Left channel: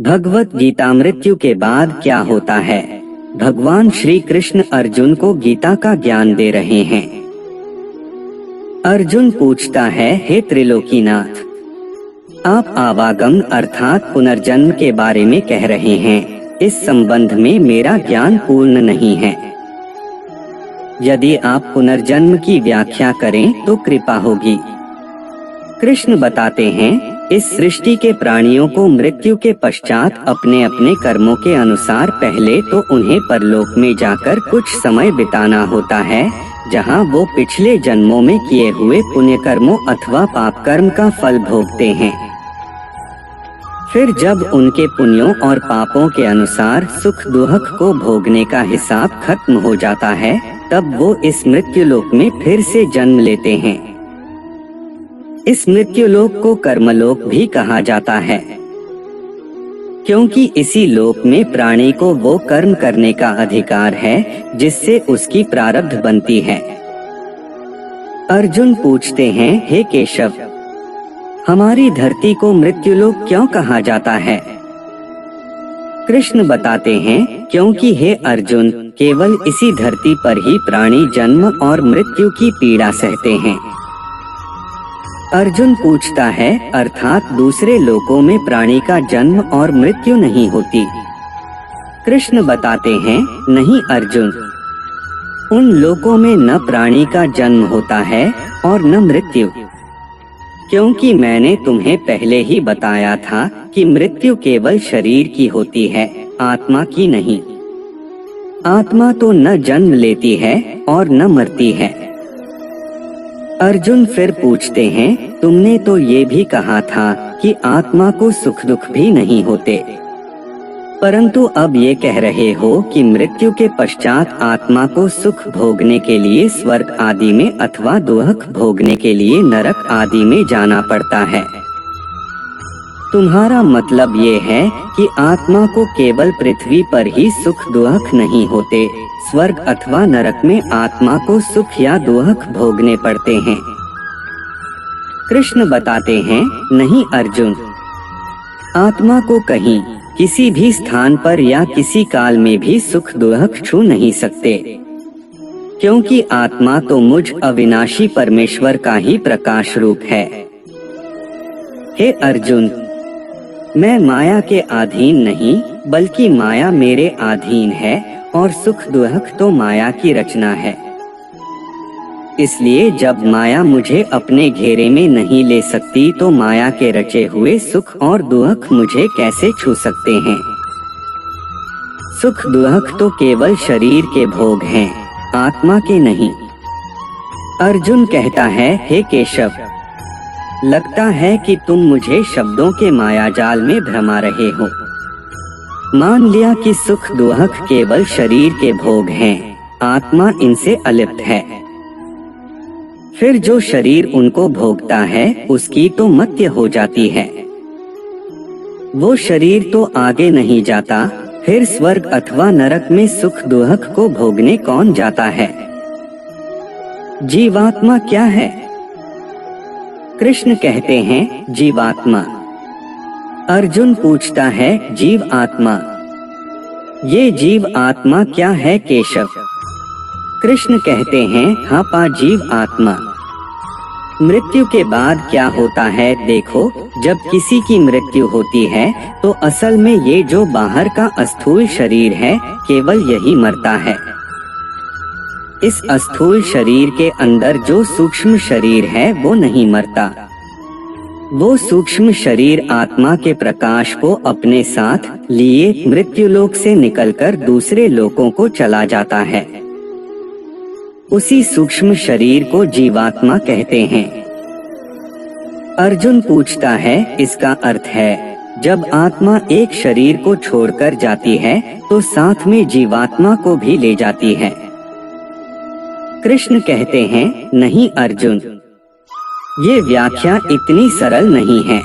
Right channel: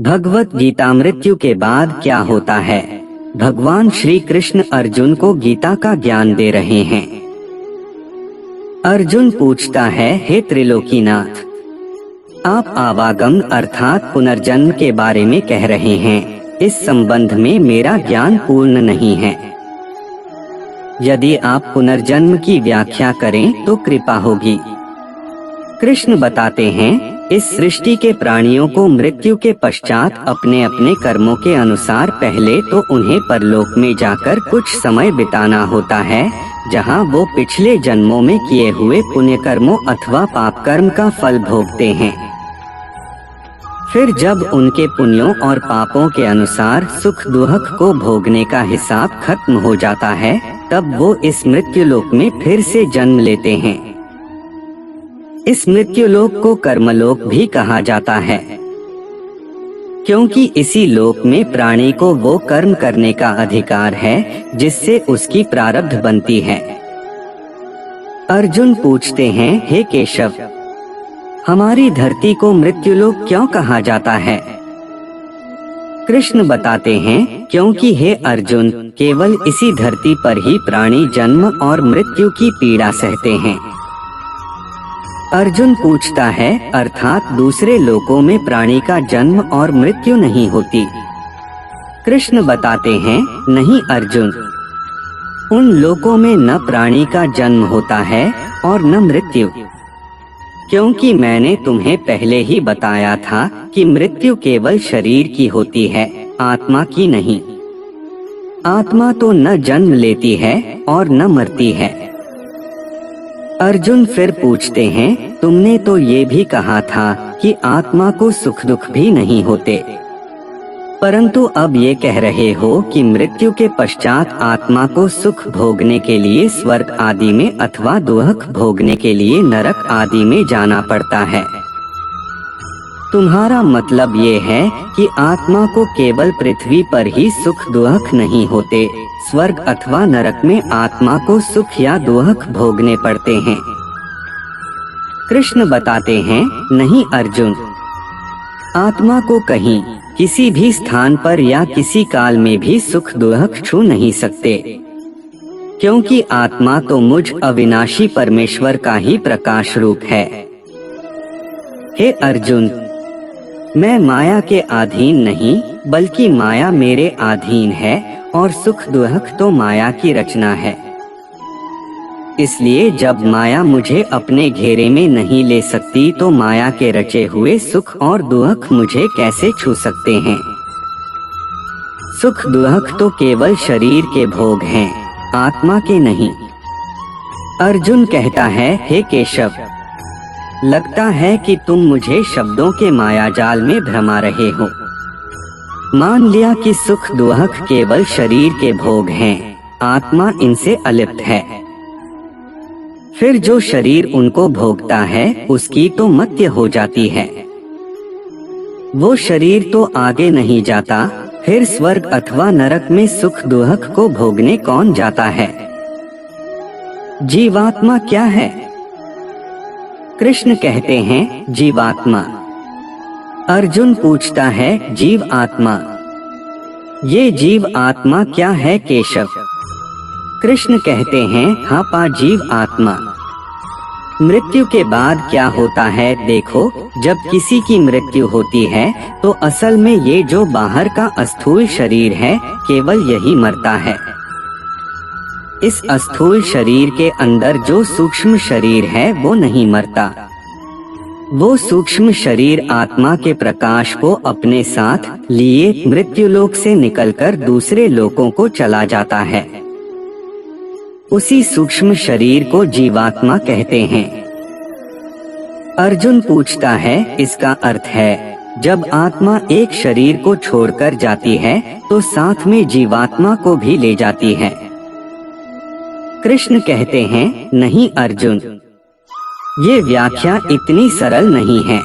भगवत गीता मृत्यु के बाद क्या होता है। भगवान श्री कृष्ण अर्जुन को गीता का ज्ञान दे रहे हैं। अर्जुन पूछता है, हे त्रिलोकीनाथ, आप आवागम अर्थात पुनर्जन्म के बारे में कह रहे हैं। इस संबंध में मेरा ज्ञान पूर्ण नहीं है। यदि आप पुनर्जन्म की व्याख्या करें तो कृपा होगी। कृष्ण बताते हैं, इस सृष्टि के प्राणियों को मृत्यु के पश्चात अपने अपने कर्मों के अनुसार पहले तो उन्हें परलोक में जाकर कुछ समय बिताना होता है, जहां वो पिछले जन्मों में किए हुए पुण्य कर्मों अथवा पाप कर्म का फल भोगते हैं। फिर जब उनके पुण्यों और पापों के अनुसार सुख दुख को भोगने का हिसाब खत्म हो जाता है, तब वो इस मृत्युलोक में फिर से जन्म लेते हैं। इस मृत्युलोक को कर्मलोक भी कहा जाता है, क्योंकि इसी लोक में प्राणी को वो कर्म करने का अधिकार है जिससे उसकी प्रारब्ध बनती है। अर्जुन पूछते हैं, हे केशव, हमारी धरती को मृत्युलोक क्यों कहा जाता है। कृष्ण बताते हैं, क्योंकि हे अर्जुन, केवल इसी धरती पर ही प्राणी जन्म और मृत्यु की पीड़ा सहते हैं। अर्जुन पूछता है, अर्थात दूसरे लोकों में प्राणी का जन्म और मृत्यु नहीं होती। कृष्ण बताते हैं, नहीं अर्जुन, उन लोकों में न प्राणी का जन्म होता है और न मृत्यु, क्योंकि मैंने तुम्हें पहले ही बताया था कि मृत्यु केवल शरीर की होती है, आत्मा की नहीं। आत्मा तो न जन्म लेती है और न मरती है। अर्जुन फिर पूछते हैं, तुमने तो ये भी कहा था कि आत्मा को सुख दुख भी नहीं होते, परंतु अब ये कह रहे हो कि मृत्यु के पश्चात आत्मा को सुख भोगने के लिए स्वर्ग आदि में अथवा दुख भोगने के लिए नरक आदि में जाना पड़ता है। तुम्हारा मतलब ये है कि आत्मा को केवल पृथ्वी पर ही सुख दुख नहीं होते, स्वर्ग अथवा नरक में आत्मा को सुख या दुख भोगने पड़ते हैं। कृष्ण बताते हैं, नहीं अर्जुन, आत्मा को कहीं किसी भी स्थान पर या किसी काल में भी सुख दुख छू नहीं सकते, क्योंकि आत्मा तो मुझ अविनाशी परमेश्वर का ही प्रकाश रूप है। हे अर्जुन, मैं माया के अधीन नहीं, बल्कि माया मेरे अधीन है और सुख दुख तो माया की रचना है। इसलिए जब माया मुझे अपने घेरे में नहीं ले सकती तो माया के रचे हुए सुख और दुख मुझे कैसे छू सकते हैं। सुख दुख तो केवल शरीर के भोग हैं, आत्मा के नहीं। अर्जुन कहता है, हे केशव, लगता है कि तुम मुझे शब्दों के मायाजाल में भरमा रहे हो। मान लिया कि सुख दुख केवल शरीर के भोग हैं, आत्मा इनसे अलिप्त है। फिर जो शरीर उनको भोगता है उसकी तो मत्य हो जाती है। वो शरीर तो आगे नहीं जाता, फिर स्वर्ग अथवा नरक में सुख दुख को भोगने कौन जाता है। जीवात्मा क्या है। कृष्ण कहते हैं, जीवात्मा। अर्जुन पूछता है, जीव आत्मा, ये जीव आत्मा क्या है केशव। कृष्ण कहते हैं, हाँ पा जीव आत्मा। मृत्यु के बाद क्या होता है, देखो, जब किसी की मृत्यु होती है तो असल में ये जो बाहर का स्थूल शरीर है केवल यही मरता है। इस स्थूल शरीर के अंदर जो सूक्ष्म शरीर है वो नहीं मरता। वो सूक्ष्म शरीर आत्मा के प्रकाश को अपने साथ लिए मृत्युलोक से निकलकर दूसरे लोकों को चला जाता है। उसी सूक्ष्म शरीर को जीवात्मा कहते हैं। अर्जुन पूछता है, इसका अर्थ है जब आत्मा एक शरीर को छोड़कर जाती है तो साथ में जीवात्मा को भी ले जाती है। कृष्ण कहते हैं, नहीं अर्जुन, ये व्याख्या इतनी सरल नहीं है।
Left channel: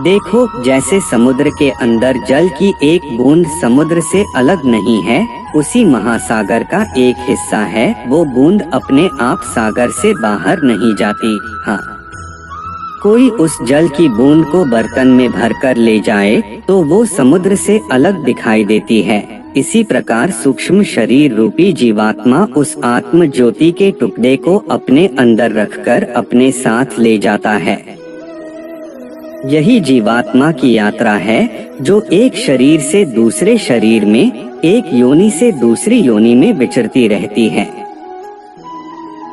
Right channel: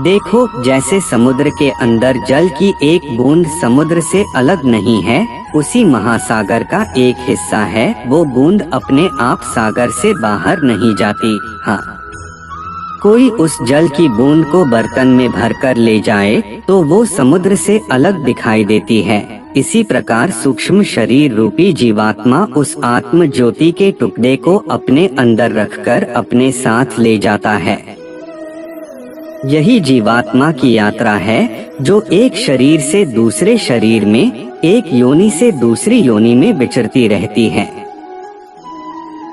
देखो, जैसे समुद्र के अंदर जल की एक बूंद समुद्र से अलग नहीं है, उसी महासागर का एक हिस्सा है, वो बूंद अपने आप सागर से बाहर नहीं जाती। हाँ, कोई उस जल की बूंद को बर्तन में भरकर ले जाए तो वो समुद्र से अलग दिखाई देती है। इसी प्रकार सूक्ष्म शरीर रूपी जीवात्मा उस आत्म ज्योति के टुकड़े को अपने अंदर रखकर अपने साथ ले जाता है। यही जीवात्मा की यात्रा है जो एक शरीर से दूसरे शरीर में, एक योनि से दूसरी योनि में विचरती रहती है।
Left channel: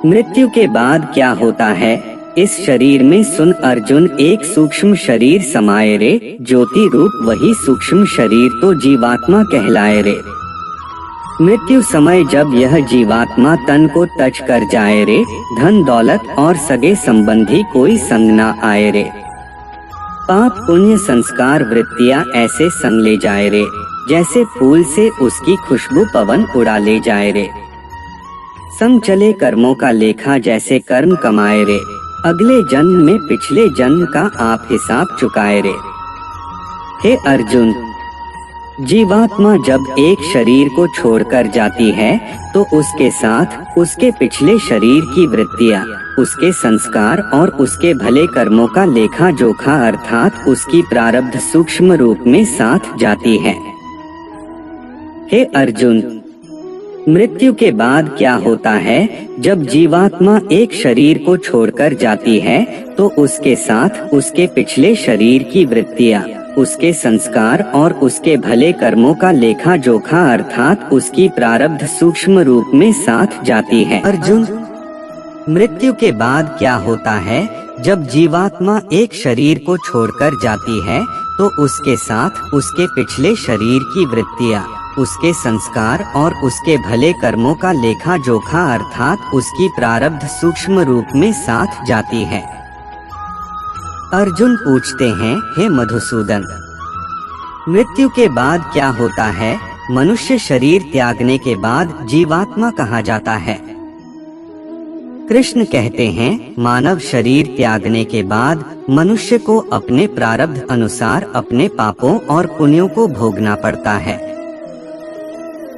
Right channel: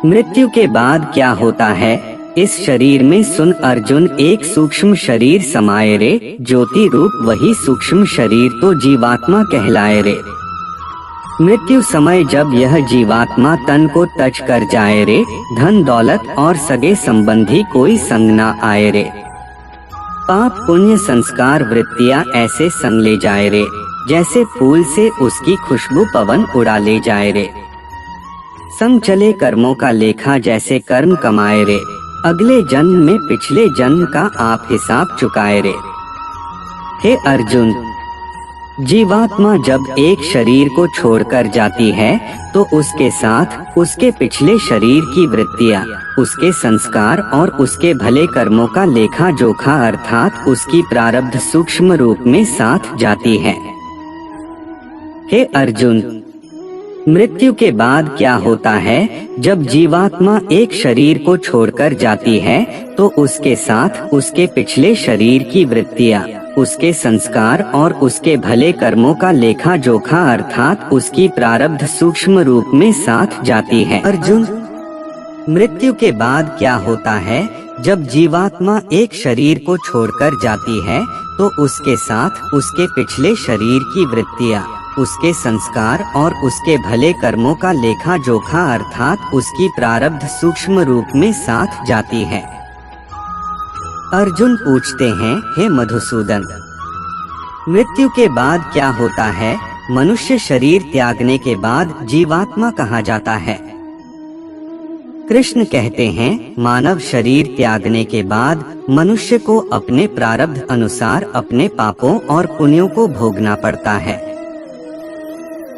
मृत्यु के बाद क्या होता है? इस शरीर में सुन अर्जुन, एक सूक्ष्म शरीर समाये रे, ज्योति रूप वही सूक्ष्म शरीर तो जीवात्मा कहलाए रे। मृत्यु समय जब यह जीवात्मा तन को टच कर जाए रे, धन दौलत और सगे संबंधी कोई संग ना आए रे। पाप पुण्य संस्कार वृत्तियां ऐसे संग ले जाए रे, जैसे फूल से उसकी खुशबू पवन उड़ा ले जाए रे। संग चले कर्मों का लेखा जैसे कर्म कमाए रे, अगले जन्म में पिछले जन्म का आप हिसाब चुकाए रे। हे अर्जुन, जीवात्मा जब एक शरीर को छोड़कर जाती है तो उसके साथ उसके पिछले शरीर की वृत्तियां, उसके संस्कार और उसके भले कर्मों का लेखा जोखा अर्थात उसकी प्रारब्ध सूक्ष्म रूप में साथ जाती है। हे अर्जुन, मृत्यु के बाद क्या होता है? जब जीवात्मा एक शरीर को छोड़कर जाती है तो उसके साथ उसके पिछले शरीर की वृत्तियां, उसके संस्कार और उसके भले कर्मों का लेखा जोखा अर्थात उसकी प्रारब्ध सूक्ष्म रूप में साथ जाती है। अर्जुन, मृत्यु के बाद क्या होता है? जब जीवात्मा एक शरीर को छोड़कर जाती है तो उसके साथ उसके पिछले शरीर की वृत्तियां, उसके संस्कार और उसके भले कर्मों का लेखा जोखा अर्थात उसकी प्रारब्ध सूक्ष्म रूप में साथ जाती है। अर्जुन पूछते हैं, हे मधुसूदन, मृत्यु के बाद क्या होता है? मनुष्य शरीर त्यागने के बाद जीवात्मा कहाँ जाता है? कृष्ण कहते हैं, मानव शरीर त्यागने के बाद मनुष्य को अपने प्रारब्ध अनुसार अपने पापों और पुण्यों को भोगना पड़ता है।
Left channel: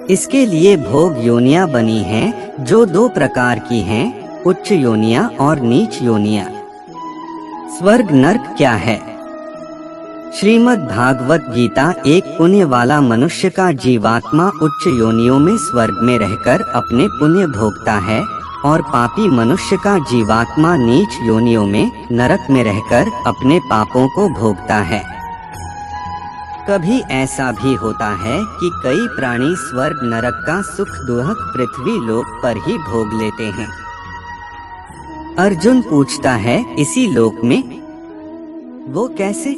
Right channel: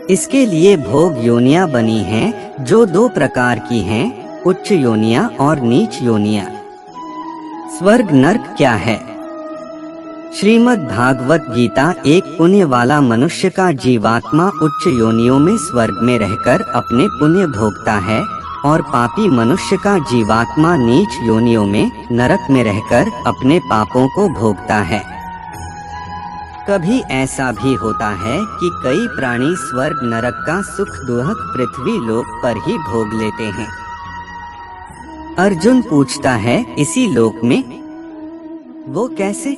इसके लिए भोग योनियां बनी हैं, जो दो प्रकार की हैं, उच्च योनियां और नीच योनियां। स्वर्ग नरक क्या है? श्रीमद् भागवत गीता, एक पुण्य वाला मनुष्य का जीवात्मा उच्च योनियों में स्वर्ग में रहकर अपने पुण्य भोगता है और पापी मनुष्य का जीवात्मा नीच योनियों में नरक में रहकर अपने पापों को भोगता है। कभी ऐसा भी होता है कि कई प्राणी स्वर्ग नरक का सुख दुहक पृथ्वी लोक पर ही भोग लेते हैं। अर्जुन पूछता है, इसी लोक में? वो कैसे?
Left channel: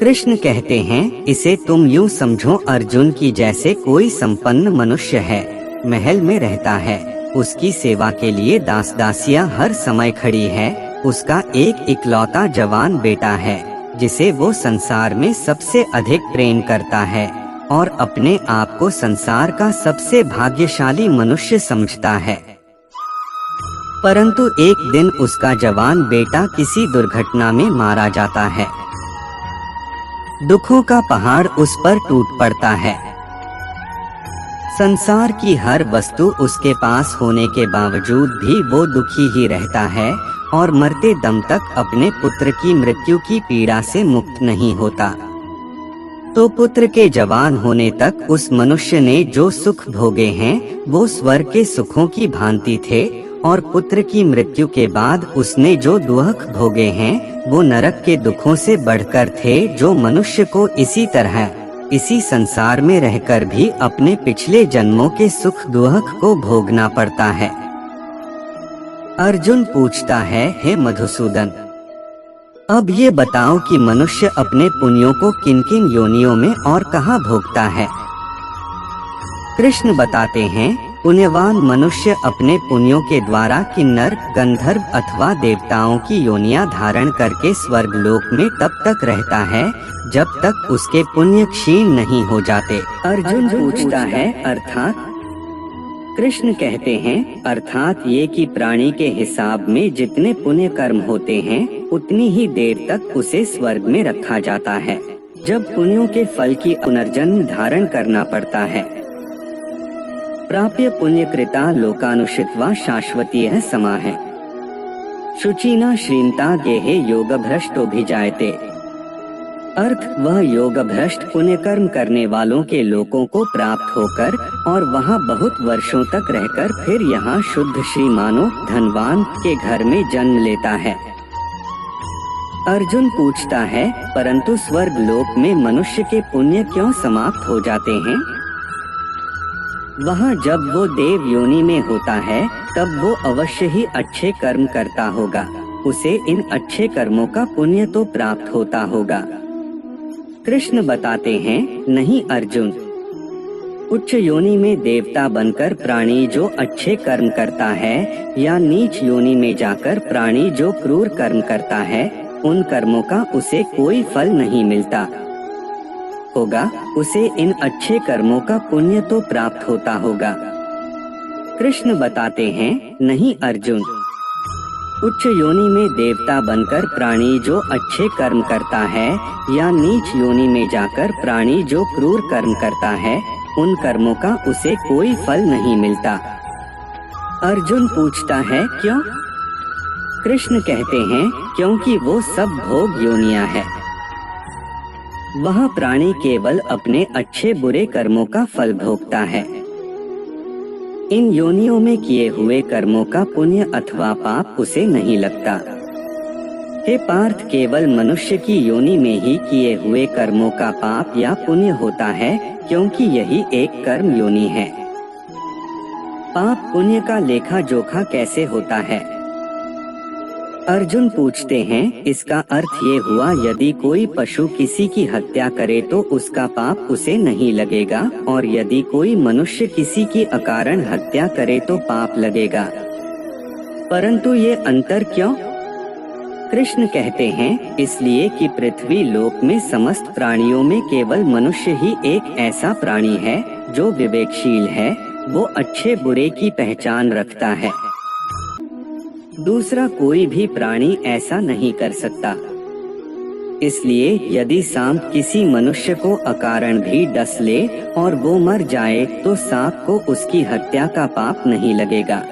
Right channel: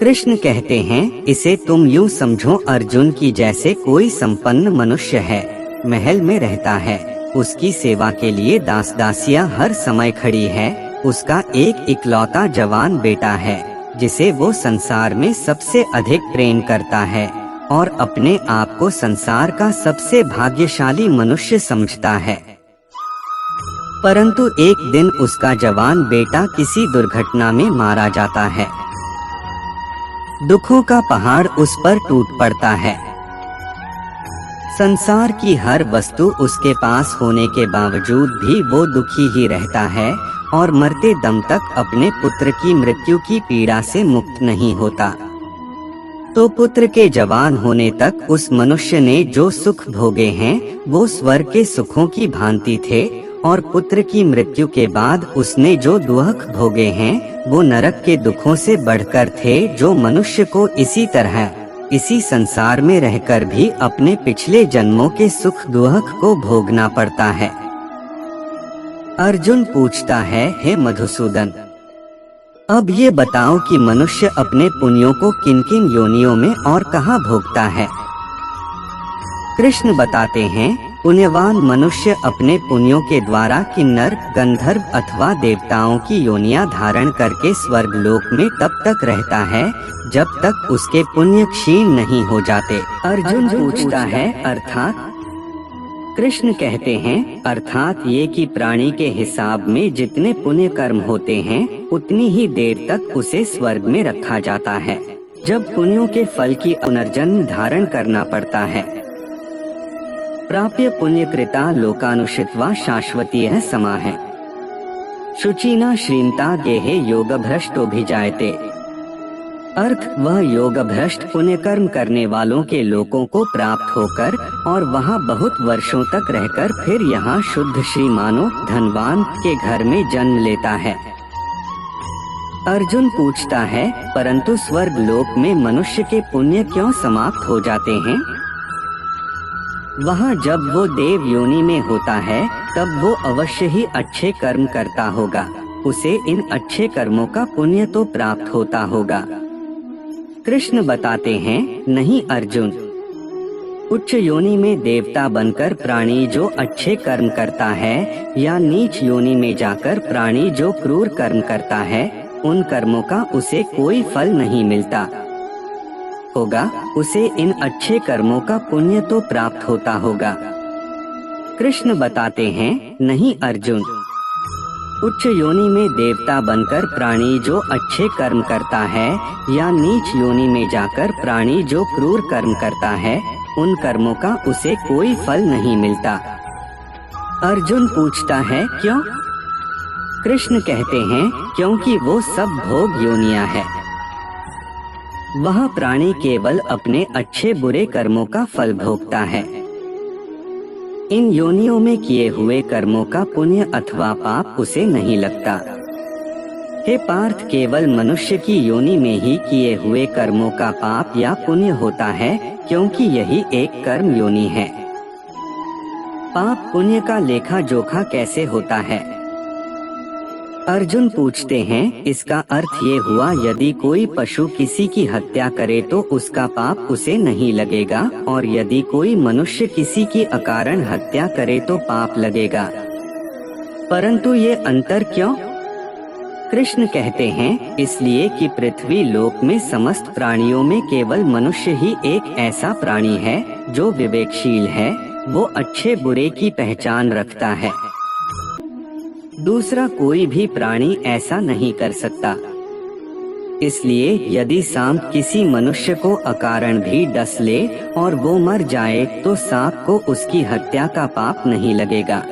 कृष्ण कहते हैं, इसे तुम यूं समझो अर्जुन की जैसे कोई संपन्न मनुष्य है, महल में रहता है, उसकी सेवा के लिए दास दासियां हर समय खड़ी है, उसका एक इकलौता जवान बेटा है जिसे वो संसार में सबसे अधिक प्रेम करता है और अपने आप को संसार का सबसे भाग्यशाली मनुष्य समझता है। परंतु एक दिन उसका जवान बेटा किसी दुर्घटना में मारा जाता है। दुखों का पहाड़ उस पर टूट पड़ता है। संसार की हर वस्तु उसके पास होने के बावजूद भी वो दुखी ही रहता है और मरते दम तक अपने पुत्र की मृत्यु की पीड़ा से मुक्त नहीं होता। तो पुत्र के जवान होने तक उस मनुष्य ने जो सुख भोगे हैं वो स्वर्ग के सुखों की भांति थे और पुत्र की मृत्यु के बाद उसने जो दुख भोगे हैं वो नरक के दुखों से बढ़कर थे, जो मनुष्य को इसी तरह इसी संसार में रहकर भी अपने पिछले जन्मों के सुख दुख को भोगना पड़ता है। अर्जुन पूछता है, हे मधुसूदन, अब ये बताओ कि मनुष्य अपने पुण्यों को किन किन योनियों में और कहाँ भोगता है? कृष्ण बताते हैं, पुण्यवान मनुष्य अपने पुण्यों के द्वारा किन्नर, गंधर्व अथवा देवताओं की योनियां धारण करके स्वर्ग लोक में तब तक रहता है जब तक उसके पुण्य क्षीण नहीं हो जाते। अर्जुन पूछता है, अर्थात? कृष्ण कहते हैं, अर्थात ये कि प्राणी के हिसाब में जितने पुण्य कर्म होते हैं उतनी ही देर तक उसे स्वर्ग में रखा जाता है। जब पुण्यों के फल की पुनर्जन्म धारण करना पड़ता है। प्राप्य पुण्यकृता लोकानुषित्वा शाश्वतीयः समाः। शुचिना श्रीमता गेहे योग भ्रष्टो भी जायते। अर्थ, वह योग भ्रष्ट पुण्य कर्म करने वालों के लोकों को प्राप्त होकर और वहाँ बहुत वर्षों तक रहकर फिर यहाँ शुद्ध श्रीमानों धनवान के घर में जन्म लेता है। अर्जुन पूछता है, परंतु स्वर्ग लोक में मनुष्य के पुण्य क्यों समाप्त हो जाते हैं? वहाँ जब वो देव योनि में होता है तब वो अवश्य ही अच्छे कर्म करता होगा, उसे इन अच्छे कर्मों का पुण्य तो प्राप्त होता होगा। कृष्ण बताते हैं, नहीं अर्जुन, उच्च योनि में देवता बनकर प्राणी जो अच्छे कर्म करता है या नीच योनि में जाकर प्राणी जो क्रूर कर्म करता है, उन कर्मों का उसे कोई फल नहीं मिलता होगा, उसे इन अच्छे कर्मों का पुण्य तो प्राप्त होता होगा। कृष्ण बताते हैं, नहीं अर्जुन, उच्च योनि में देवता बनकर प्राणी जो अच्छे कर्म करता है या नीच योनि में जाकर प्राणी जो क्रूर कर्म करता है, उन कर्मों का उसे कोई फल नहीं मिलता। अर्जुन पूछता है, क्यों? कृष्ण कहते हैं, क्योंकि वो सब भोग योनियां है। वह प्राणी केवल अपने अच्छे बुरे कर्मों का फल भोगता है। इन योनियों में किए हुए कर्मों का पुण्य अथवा पाप उसे नहीं लगता। हे पार्थ, केवल मनुष्य की योनि में ही किए हुए कर्मों का पाप या पुण्य होता है, क्योंकि यही एक कर्म योनि है। पाप पुण्य का लेखा जोखा कैसे होता है? अर्जुन पूछते हैं, इसका अर्थ ये हुआ, यदि कोई पशु किसी की हत्या करे तो उसका पाप उसे नहीं लगेगा, और यदि कोई मनुष्य किसी की अकारण हत्या करे तो पाप लगेगा। परंतु ये अंतर क्यों? कृष्ण कहते हैं, इसलिए कि पृथ्वी लोक में समस्त प्राणियों में केवल मनुष्य ही एक ऐसा प्राणी है जो विवेकशील है, वो अच्छे बुरे की पहचान रखता है। दूसरा कोई भी प्राणी ऐसा नहीं कर सकता। इसलिए यदि सांप किसी मनुष्य को अकारण भी डस ले और वो मर जाए तो सांप को उसकी हत्या का पाप नहीं लगेगा।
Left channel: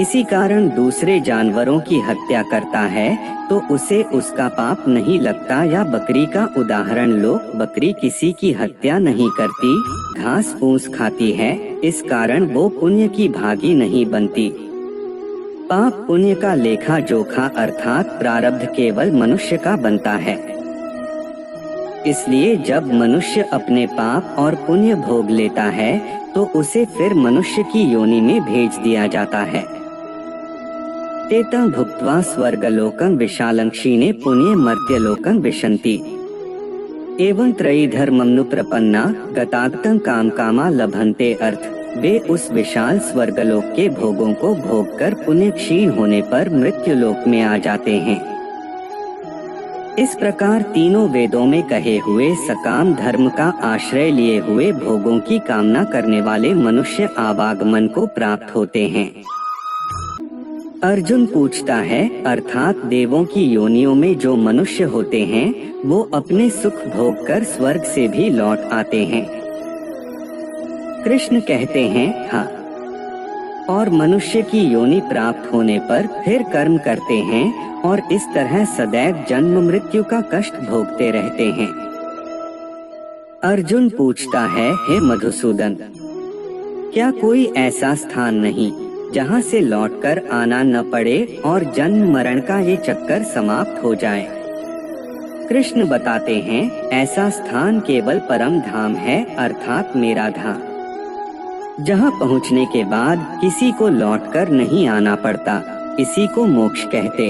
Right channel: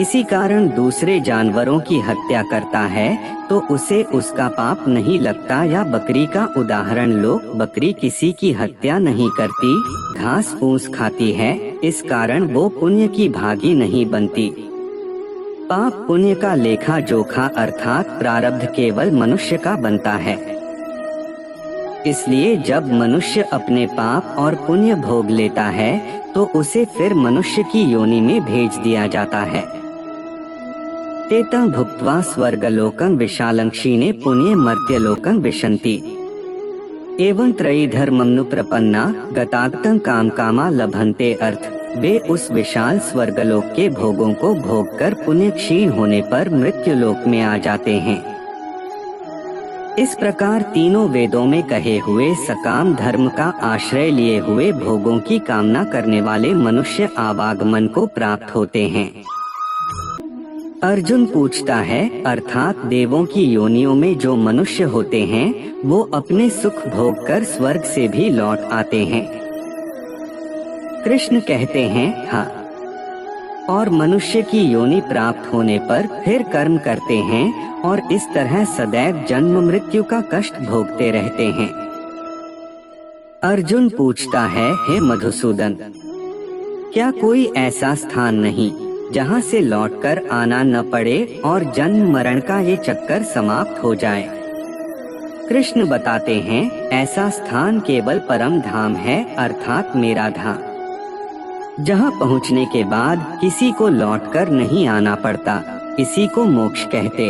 इसी कारण दूसरे जानवरों की हत्या करता है तो उसे उसका पाप नहीं लगता। या बकरी का उदाहरण लो, बकरी किसी की हत्या नहीं करती, घास फूस खाती है, इस कारण वो पुण्य की भागी नहीं बनती। पाप पुण्य का लेखा जोखा अर्थात प्रारब्ध केवल मनुष्य का बनता है। इसलिए जब मनुष्य अपने पाप और पुण्य भोग लेता है तो उसे फिर मनुष्य की योनि में भेज दिया जाता है। तेतं भुक्त्वा स्वर्गलोकं विशालं क्षीणे पुण्ये मर्त्यलोकं विशन्ति। एवं त्रयी धर्ममनु प्रपन्ना गताक्तं काम कामा लभन्ते। अर्थ, वे उस विशाल स्वर्गलोक के भोगों को भोगकर पुण्य क्षीण होने पर मृत्यु लोक में आ जाते हैं। इस प्रकार तीनों वेदों में कहे हुए सकाम धर्म का आश्रय लिए हुए भोगों की कामना करने वाले मनुष्य आवागमन को प्राप्त होते हैं। अर्जुन पूछता है, अर्थात देवों की योनियों में जो मनुष्य होते हैं वो अपने सुख भोग कर स्वर्ग से भी लौट आते हैं। कृष्ण कहते हैं, हाँ, और मनुष्य की योनि प्राप्त होने पर फिर कर्म करते हैं और इस तरह सदैव जन्म मृत्यु का कष्ट भोगते रहते हैं। अर्जुन पूछता है, हे मधुसूदन, क्या कोई ऐसा स्थान नहीं जहाँ से लौटकर आना न पड़े और जन्म मरण का ये चक्कर समाप्त हो जाए? कृष्ण बताते हैं, ऐसा स्थान केवल परम धाम है, अर्थात मेरा धाम, जहाँ पहुँचने के बाद किसी को लौटकर नहीं आना पड़ता। इसी को मोक्ष कहते।